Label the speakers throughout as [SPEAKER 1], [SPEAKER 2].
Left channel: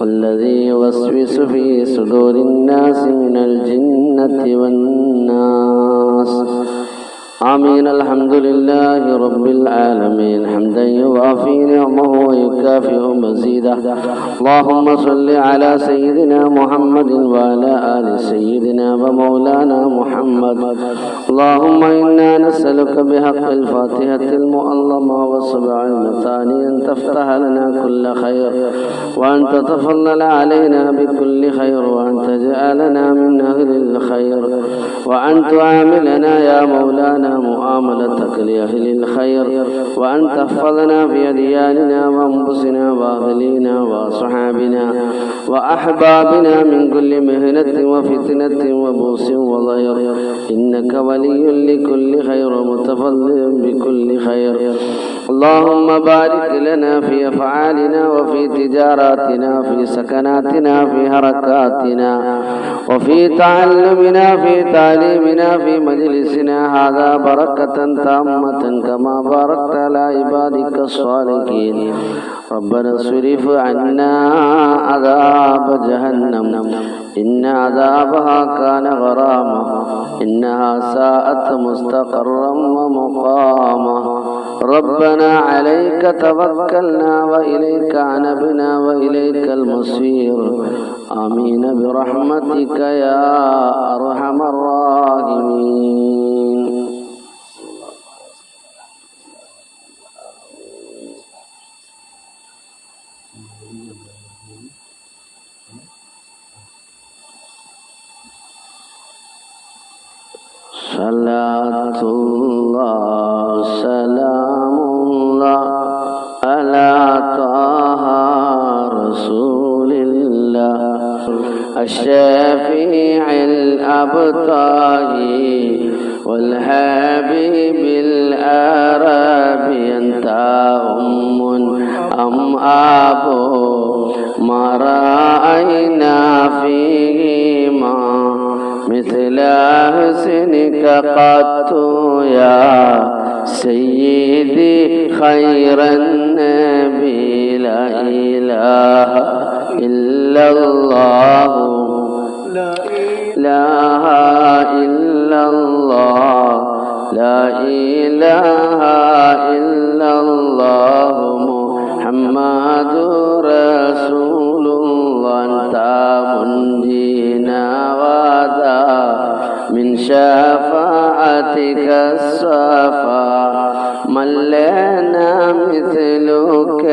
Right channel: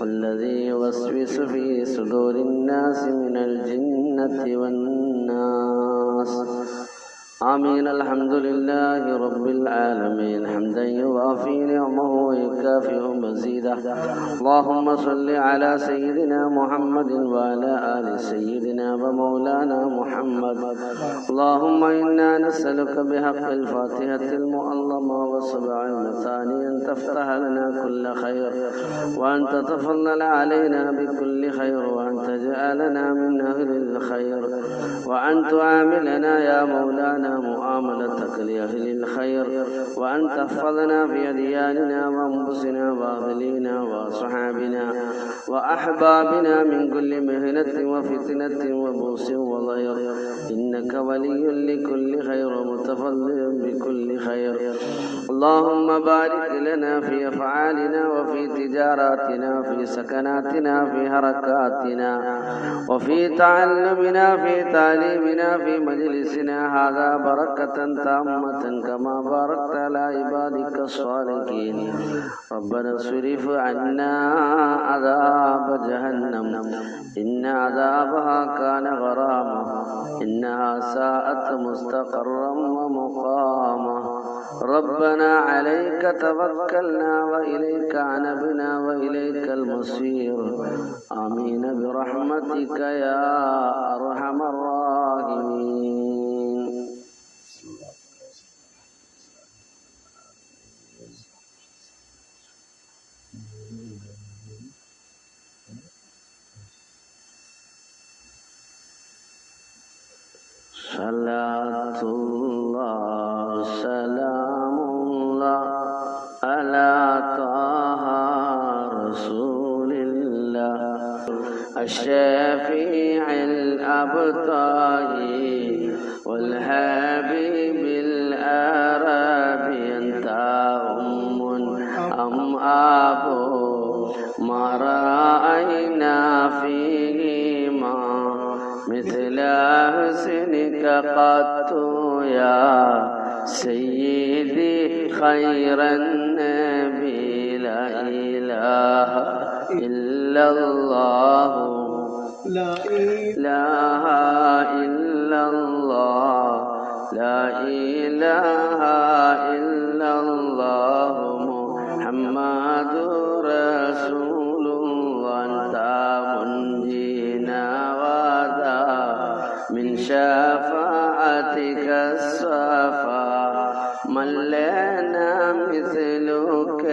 [SPEAKER 1] والذي يوسوس في صدور الناس من الجنة والناس آمين الحمد لله رب العالمين حمدا يوافي نعمه ويكافئ مزيده اللهم صل على سيدنا محمد وعلى آل سيدنا ومولانا محمد. اللهم إنا نسألك بحق الفاتحة المؤلمة والسبع المثاني أن تفتح لنا كل خير وأن تتفضل علينا بكل خير وأن تجعلنا من أهل الخير وأن تعاملنا يا مولانا معاملتك لأهل الخير وأن تحفظنا في أدياننا وأنفسنا وأهلينا وأصحابنا وأحبابنا من كل مهنة وفتنة وبوس وضير إنك ولي لكل خير متفضل بكل خير. اللهم بارك لنا في أفعالنا وفي تجاراتنا في سكناتنا في حركاتنا. وفي تعلمنا في تعليمنا في مجلسنا هذا بركة تامة كما باركت على عبادك الصالحين. ربنا اصرف عنا عذاب جهنم. إن عذابها كان غراما. إنها ساءت مستقرا ومقاما. ربنا عليك توكلنا وإليك عنبنا وإليك المصير. آمين برحمتك يا أرحم الراحمين. صلاة قط يا سيدي خير النبي لا إله إلا الله. لا إله إلا الله. لا إله إلا الله. شفاعتك الصفا. من لنا مثلك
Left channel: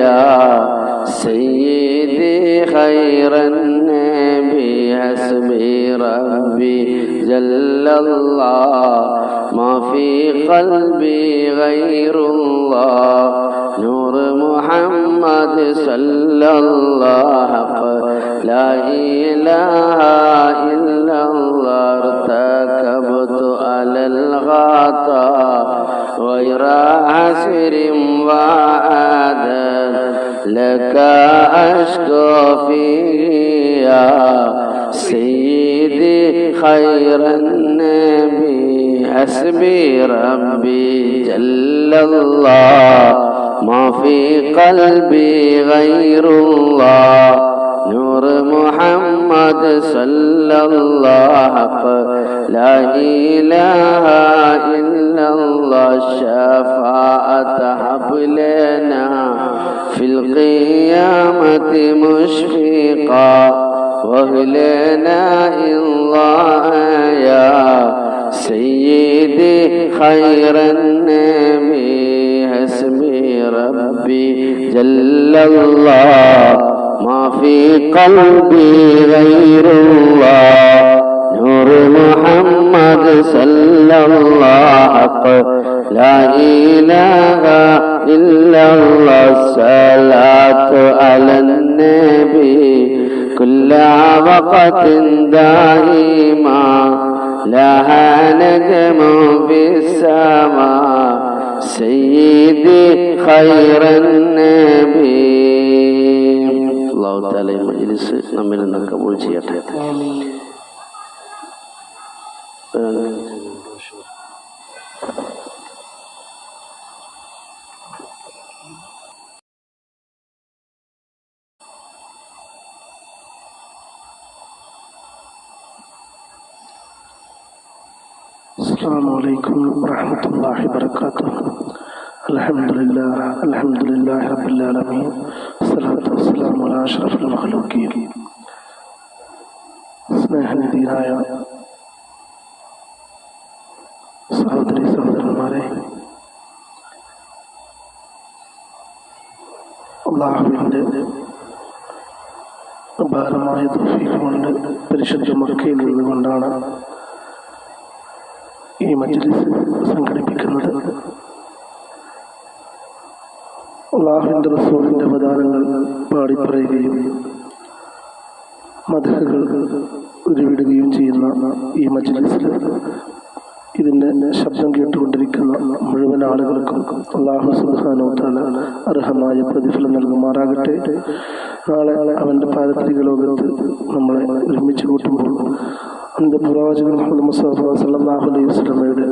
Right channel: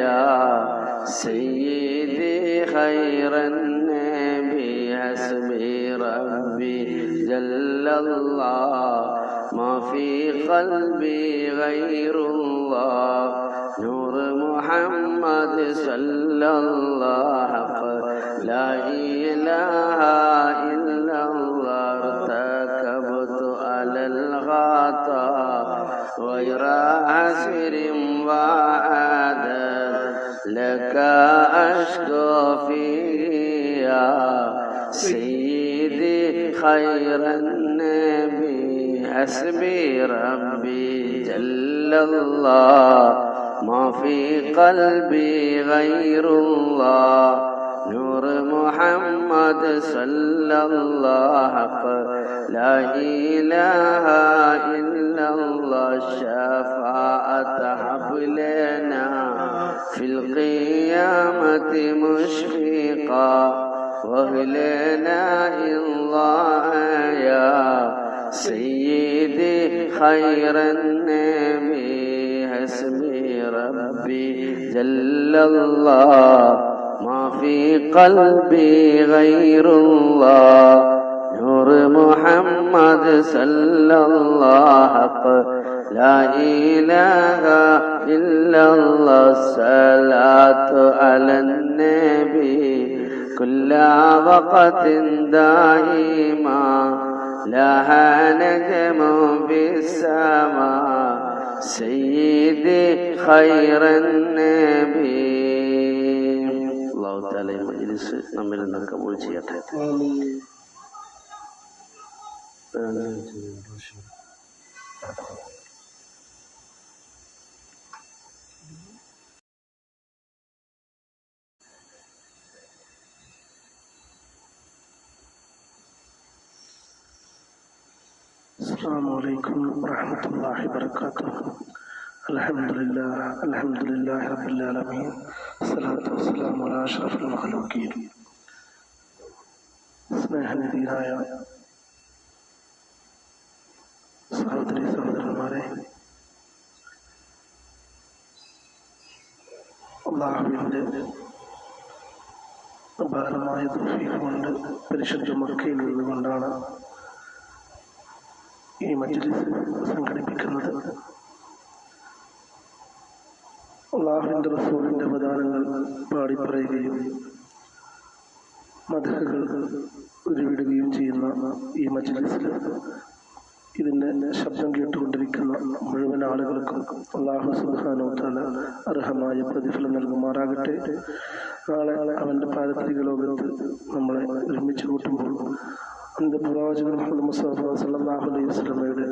[SPEAKER 1] يا سيدي خير النبي. حسبي ربي جل الله. ما في قلبي غير الله. نور محمد صلى الله لا إله عسر وعدد لك أشكو فيه يا سيدي خير النبي حسبي ربي جل الله. ما في قلبي غير الله. نور محمد صلى الله لا إله إلا الله. الشفاعة هب لنا في القيامة مشفقا. واهلنا الله يا سيدي خير النبي حسبي ربي جل الله. ما في قلبي غير الله. نور محمد صلى إله إلا الله الصلاة على النبي كل وقت دائما لها نجم في السماء سيدي خير النبي الله تعالى مجلس നമ്മിൽ നിന്ന് കബൂൾ ചെയ്യട്ടെ
[SPEAKER 2] السلام عليكم ورحمة الله وبركاته الحمد لله الحمد لله رب العالمين الصلاة والسلام على أشرف المخلوقين സ്നേഹനിധിയായ സഹോദരി സഹോദരന്മാരെ അള്ളാഹുവിൻ്റെ അപാരമായ തോഫീക്ക് കൊണ്ട് പരിശുദ്ധ മക്കയിൽ നിന്നുകൊണ്ടാണ് ഈ മജ്ലിസ് സംഘടിപ്പിക്കുന്നത്. അള്ളാഹുവിന്റെ റസൂലിന്റെ അവതാരങ്ങൾ പാടിപ്പറയുകയും മതകൾ ഉരുവിടുകയും ചെയ്യുന്ന ഈ മജ്ലിസിൽ ഇതിന്റെ ശബ്ദം കേട്ടുകൊണ്ടിരിക്കുന്ന മുഴുവൻ ആളുകൾക്കും അള്ളാഹു സുബാനോ താല അർഹമായ പ്രതിഫലം നൽകുമാറാകട്ടെ. നാളെ അവന്റെ പാരത്രിക നമ്മളെ ഒരുമിച്ച് കൂട്ടുമ്പോൾ അന്ത്യ പ്രവാചകൻ മുഹമ്മദ് മുസ്തഫ സല്ലല്ലാഹു അലൈഹി വസല്ലമയുടെ